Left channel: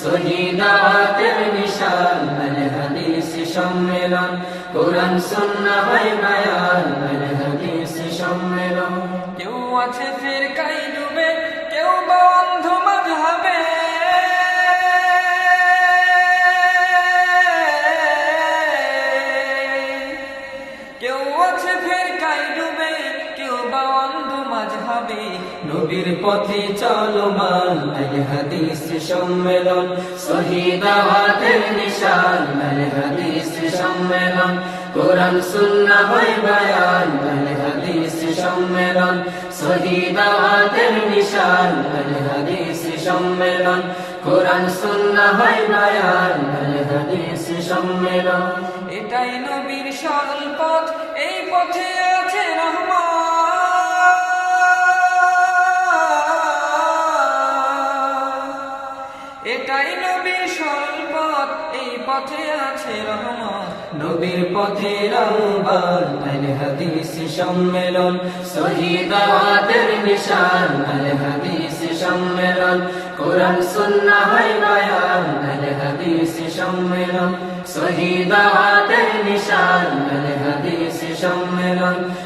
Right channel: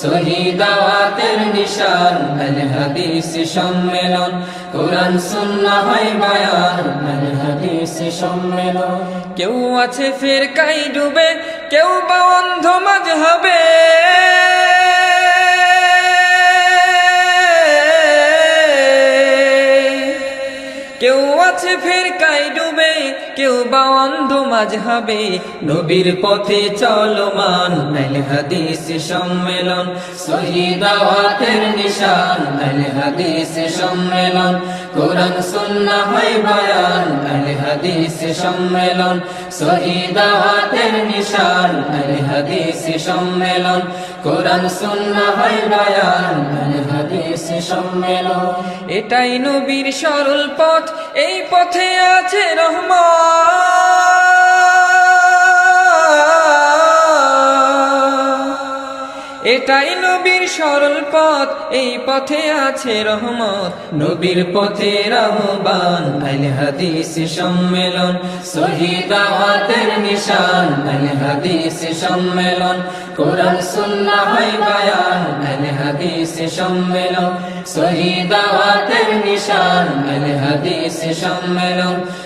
শহীদাওয়াতের নিশান আল হাদিস সম্মেলন। কোরআন সুন্নাহ হয় বায়ান আল হাদিস সম্মেলন। কেউ আছে ফের কাই ডুবে, কেউ বা অন্ধ হবে কেউ আছে ফের কাই ডুবে কেউ বা অন্ধ মাঝ হবে নবীর পথে চলমান আল হাদিস সম্মেলন। শহীদাওয়াতের নিশান আল হাদিস সম্মেলন। কোরআন, সুন্নাহ হয় বায়ান আল হাদিস সম্মেলন। শহীদাওয়াতের নিশান আল হাদিস সম্মেলন। কোরআন, সুন্নাহ হয় বায়ান আল হাদিস সম্মেলন। এটাই নবীর সরল পথ, এই পথে আছে রহমান এটাই নবীর সরল পথ, এই পথে আছে রহমত। নবীর পথে রহবান, আল হাদিস সম্মেলন। শহীদাওয়াতের নিশান, আল হাদিস সম্মেলন। কোরআন, সুন্নাহ হয় বায়ান, আল হাদিস সম্মেলন। শহীদাওয়াতের নিশান, আল হাদিস সম্মেলন।